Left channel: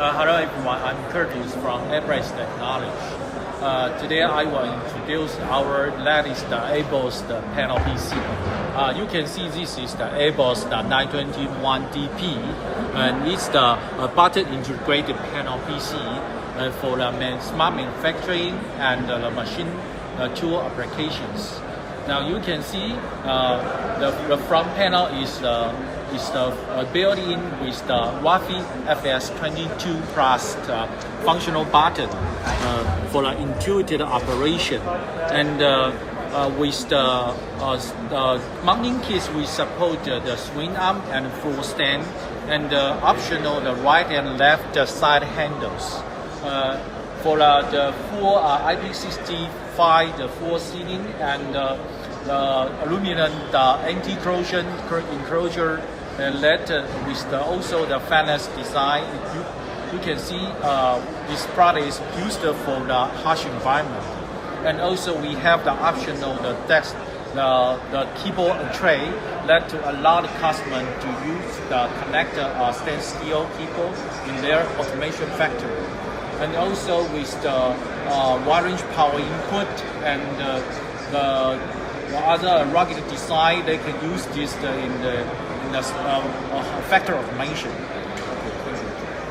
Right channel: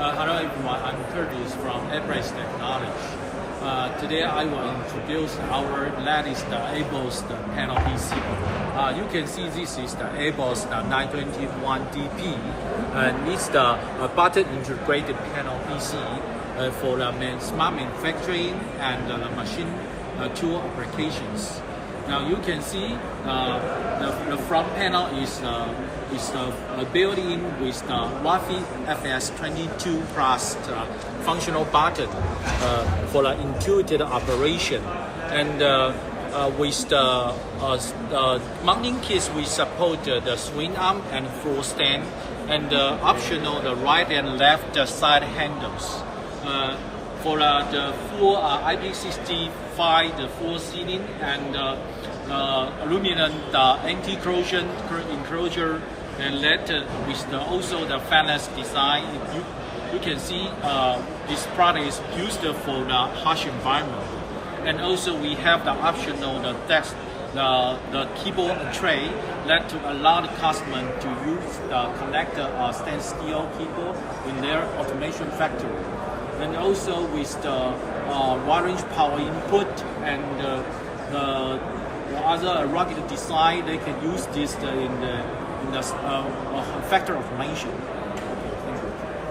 Hello everyone, I'm Curtis from ABOS Technology. Today I will introduce our latest ABOS panel PC. You can see this is the ABOS-9D and it's the button integrated panel PC for the smart manufacturing and the machine tool applications. Now you can see the front panel is built-in with the Wi-Fi FS22 Plus functional button for the intuitive operation. And with the mounting kits, we support the swing arm and full stand, and optional the right and left side handles. For the full IP65, the full sealing, and aluminum anti-corrosion enclosure LED with also the fanless design. You can see this product is used for the harsh environment. And also we have the optional the keyboard and tray that to allow the customer to use the connector stainless steel keyboard in their automation factory. And also with the wide-range power input and the other rugged design, they can use this in the factory automation.